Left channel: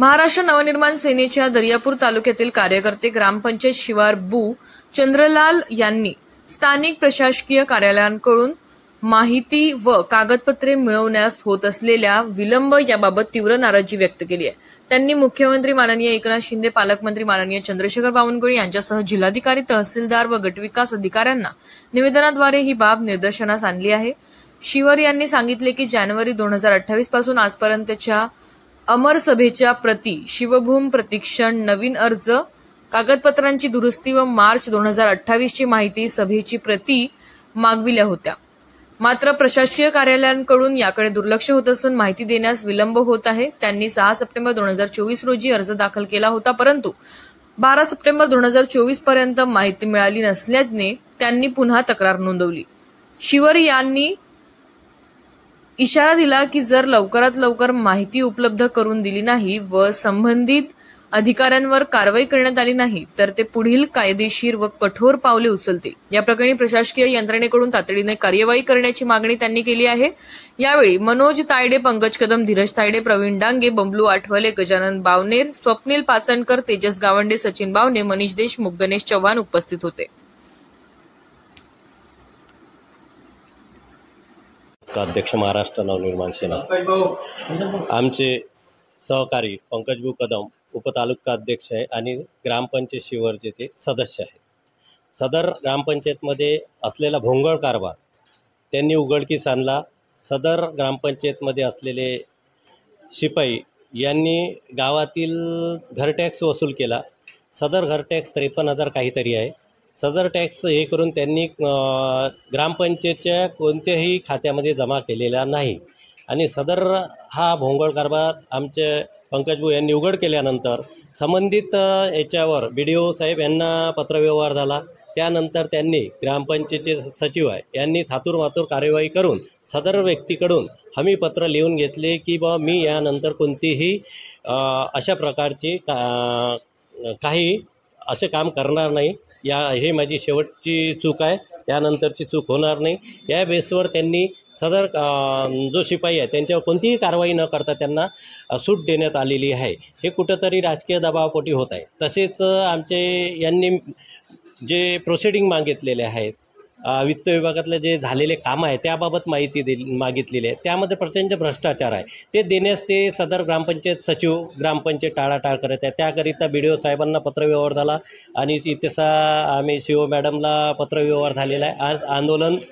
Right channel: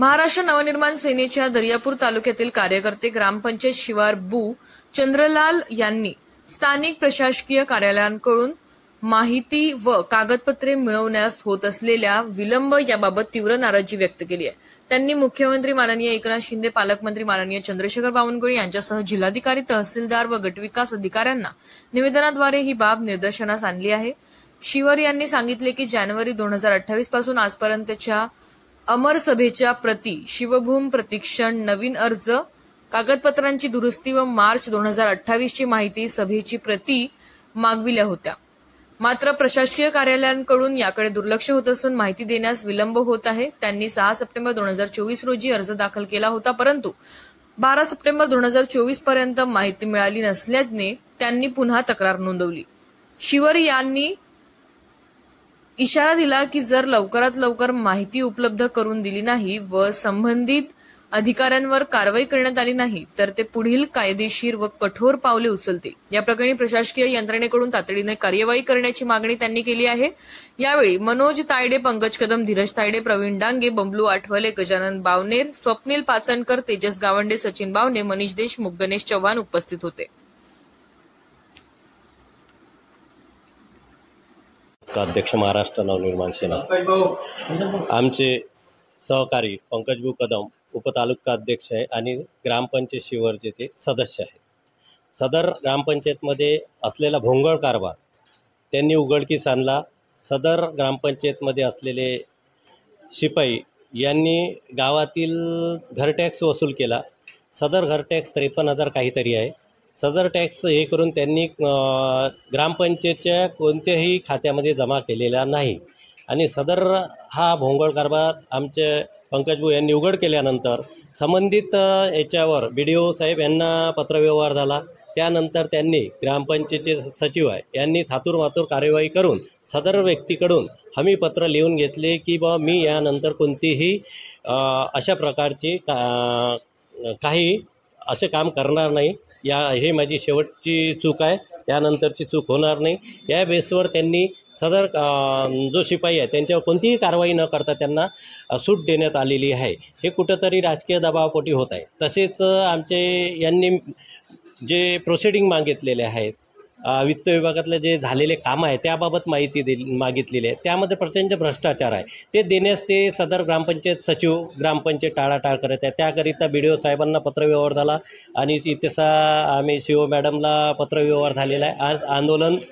महाराष्ट्र नवनिर्माण सेनेच्या दर्यापूर तालुक्यातील कार्यकर्ते ग्रामपंचायत शिवार बू चंद्रलाल यांनी स्थानिक प्रशासकीय कार्यालयांकडून माहिती व कागदपत्रे मिळवण्यास होत असलेल्या विलंब याबाबत तीव्र नाराजी व्यक्त केली आहे। त्यांनी मुख्यमंत्री माननीय एकनाथ शिंदे, पालकमंत्री माननीय चंद्रशेखर बावनकुळे यांच्यासह जिल्हाधिकारी, तहसीलदार व गटविकास अधिकाऱ्यांना निवेदनाद्वारे ही बाब निदर्शनास आणली आहे। शिवर यांनी सांगितले की जानेवारी 2028 पासून आजपर्यंतच्या अमर सभेच्या प्रति, शिवभूम प्रतिक्षण, नवीन अर्ज, कागदपत्रांची दुरुस्ती व मार्च 2028 ची माहिती सभेची प्रति मागविल्या होत्या। मात्र प्रशासकीय कार्यालयांकडून याकडे दुर्लक्ष होत असून माहिती देण्यास विलंब होत आहे। त्यांनी 6 सप्टेंबर 2024 रोजी अर्ज दाखल केला होता, परंतु 12 सप्टेंबर 2024 पर्यंत माहिती मिळाली नसल्याने त्यांनी पुन्हा तक्रार नोंदवली। शिवर यांनी इशारा दिला की जर लवकरात लवकर माहिती उपलब्ध करून दिली नाही व संबंधित अधिकाऱ्यांवर कारवाई करण्यात आली नाही तर ते पुढील कायदेशीर व कठोर पावले उचलतील। या प्रकरणी प्रशासकीय यंत्रणेकडून तातडीने कार्यवाही करण्याची मागणी त्यांनी केली आहे। यावेळी मनोज तायडे, पंकज कदम, धीरज तायडे, प्रवीण डांगे, बबलू आठवले, गजानन बावनेर, स्वप्नील पाचनकर, तेजस गावंडे, सचिन बावने, मनीष देशमुख, गणेश चव्हाण उपस्थित होते। अध्यक्ष महाराष्ट्र नवनिर्माण सेना आमचे सहकारी पंकजभाऊ कदम उपतालुका अध्यक्ष आहे आणि ग्रामपंचायत शिवरचे ते सदस्य आहेत। सदर ग्रामपंचायतमध्ये असलेला भोंगळ कारभार त्यांनी उघडकीस आणला। सदर ग्रामपंचायतमध्ये असलेले शिपाई यांनी गावातील घरटॅक्स वसूल केला। सदर घरटॅक्स 53,000 काहीतरी आहे। सदर टॅक्स हे करून त्यांनी ग्रामपंचायतच्या कोणत्याही खात्यामध्ये जमा केलेला नाही आणि सदर हा भोंगळ कारभार आमचे पंकजभाऊ यांनी उघड केल्यानंतर संबंधित याच्यावर BDO साहेब यांना पत्रव्यवहार झाला। त्यानंतर त्यांनी ग्रामपंचायतचे सचिव यांनी थातूरमातूर कार्यवाही करून सदर व्यक्तीकडून हमीपत्र लिहून घेतले की बा मी यानंतर कोणतीही अशा प्रकारची काही असे काम करणार नाही, हे माझी शेवटची चूक आहे, यानंतरची चूक होणार नाही। या बेसवर त्यांनी सदर जो शिपाई आहे त्यांच्यावर कोणतीही कारवाई न करता त्यांना सूट देण्यात आलेली आहे। हे कुठंतरी राजकीय दबावापोटी होत आहे। तसेच आमचे यांनी जे प्रोसिडिंग मागितलेले आहेत, वित्त विभागातले जे झालेले कामं आहे त्याबाबत माहिती मागितलेली आहे, त्यामध्ये प्रचंड भ्रष्टाचार आहे। ते देण्यास ते सदर ग्रामपंचायत सचिव ग्रामपंचायत टाळाटाळ करत आहे। त्याकरिता BDO साहेबांना पत्रव्यवहार झाला आणि इथेसा आम्ही CO मॅडमला पत्रव्यवहार झालेला आहे। आज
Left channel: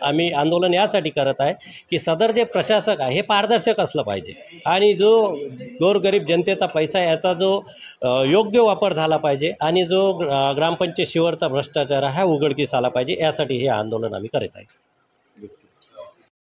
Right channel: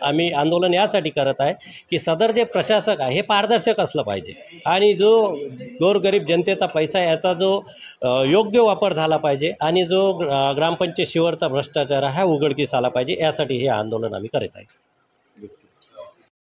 आम्ही आंदोलन यासाठी करत आहे की सदर जे प्रशासक आहे हे पारदर्शक असलं पाहिजे आणि जो गोरगरीब जनतेचा पैसा याचा जो योग्य वापर झाला पाहिजे आणि जो ग्रामपंचायत शिवरचा भ्रष्टाचार हा उघडकीस आला पाहिजे, यासाठी हे आंदोलन आम्ही करत आहे।